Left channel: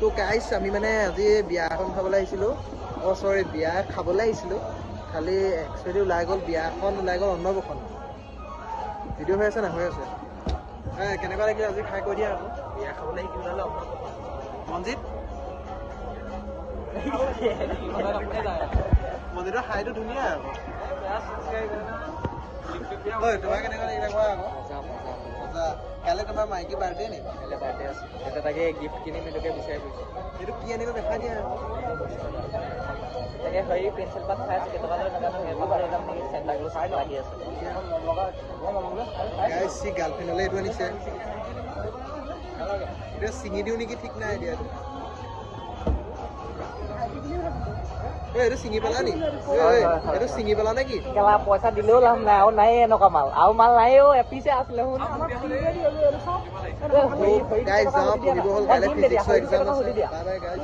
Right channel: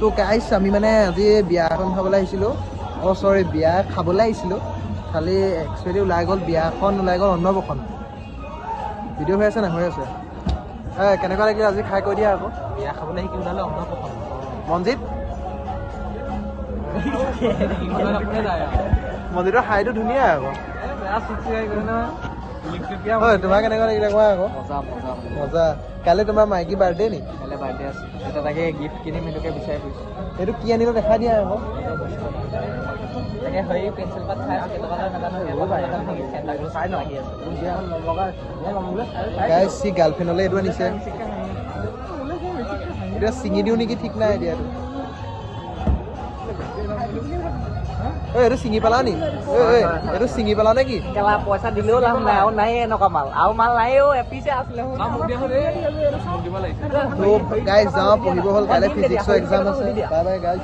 তো গাইছ আমি মানে আজি বিয়া এখন খাবলৈ আহিছিলোঁ চৰি বিয়া খাবলৈ আহিছিলোঁ খালি একচুৱেলি ওলাই গ'ল বিয়াখন ওলাই গ'ল অন্নপ্ৰসন্ন ভিডিঅ' হৈ আছে নাই হৈ আছে কেনেকুৱা লাগিলে আজি খাই কৈ দিয়া আকৌ বিয়া খাবলৈ শিকি ওলালে অন্নপ্ৰসন্ন মনজিত মন্দিৰৰ ঠাইটো ধুনীয়া আকৌ হয় তোমাৰ কেনেকুৱা লাগিলে কোৱা আকৌ মজা মজা মজা কাইলৈ তোমাৰ মাইকী বাৰ্থডে নি কাইলৈ বাৰ্থডে আছে এটা তাকে গিফ্ট কিনিম সেইটোকে বিচাৰি ফুৰিছোঁ সেইটো কি আনিব দেখা দিয়া আকৌ তাকে হেৰি পেঞ্চিল পাত চাই আছে কেইটকা লয় নাজানো এবাৰ লৈ যাম নেকি চেণ্টাৰ গৈ চাই লাগি আছে গাইজ সি গাৰ্লফ্ৰেণ্ডলৈ এইটো আনিছে এতিয়া ছিঙি দিওঁ নেকি ঠিক নাই এতিয়া এইটো ছিঙি পেলা নি এইটো ছিঙি পেলা নে কি পইচা দিলেও লাভ নাই আৰু নাই এনেকুৱা মাল আৰু মাল নাই এপিছে আছিলে তো গাইজ যাওঁ পঢ়িব হ'ল কাইলৈ ফিজিক্সৰ এক্সাম আছে বাই বাই গাইজ